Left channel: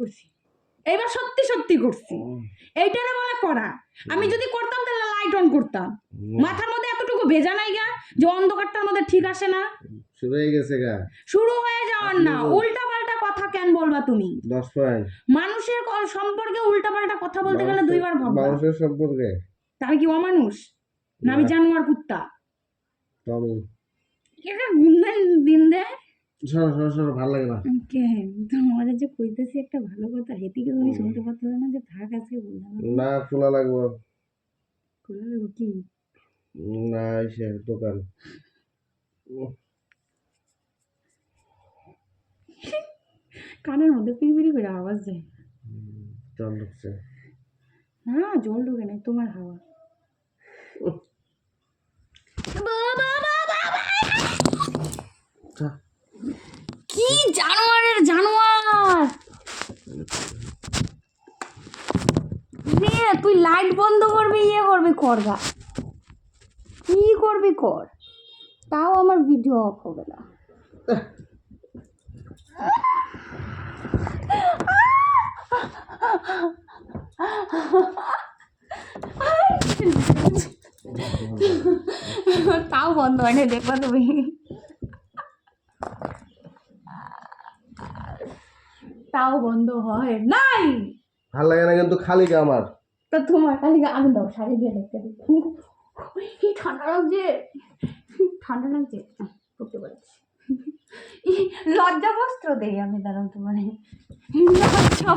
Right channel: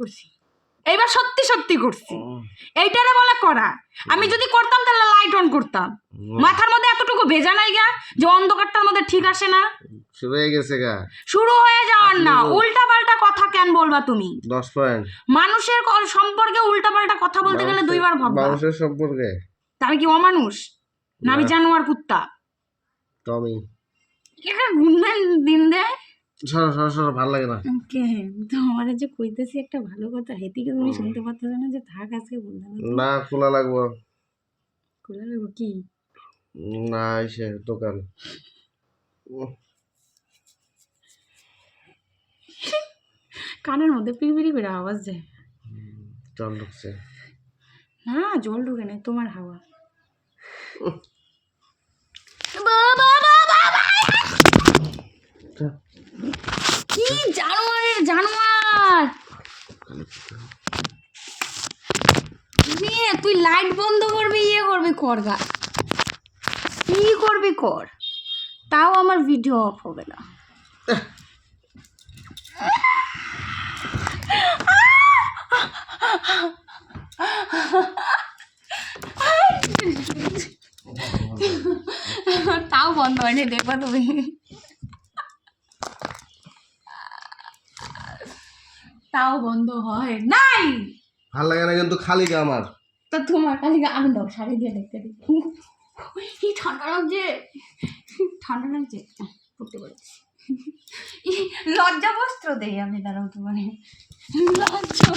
করছি, এইবার সত্যি সত্যি করছি। এইটারে বলে করা। আমি যদি করতাম তাহলে লাইট অন করতাম। মাথার মধ্যে এতটুকু ভেজা নাই গা যে অন্ধকারটার মধ্যে ঠিক আসে না। শুরু হয়ে গেছে গা। শুরু হয়ে যাওয়ার না, উল্টা পাল্টা কথা কেন বলবা তুমি? 10 পয়েন্ট। মানুষের সম্পর্কে উল্টা পাল্টা কথা বলতে গেলে দুইবার ভাববা। মানুষের সম্পর্কে আমি কি অমানুষ না? আমি জানোয়ার কুত্তা? টমি একটা গুনলেন দিন দেয়। সরো সরো সরো, ভালো লাগে না। ওকে, তো আমার যে কইতেছি একটা ভালো কথা, হেতিকে তুমি শুনতে পাচ্ছ না যে থাক আজকে বললাম না, খোলা লাগবো। খুলে দেবো কি? না, এসে দোকান কানের মধ্যে পিড়িপিড়ি করে আওয়াজ যায়। জল ঢুকছে না, জল ঢুকে নাই, তোমার হাওয়া। কি জানোয়ারের জানোয়ার! তুই লাইট বন্ধ করবি, ইয়ে করবি, করগা কি করবি কর, তাও আমার ভিডিও অফ হবে না। তাও বন্ধ হয় না, দেখবা তুমি। তাও বন্ধ হয় নাই। ভাল লাগে না কিন্তু খালি গা আমার। তা তোমার খালি আমি দাও শাড়ি দিয়ে দেখতে দিই। কি ঠান্ডা লাগছে, ঠান্ডা লাগছে, পড়তে পারছি। লজ্জা বস্ত্র দেই আমি, দাঁড়াও তোমার লজ্জা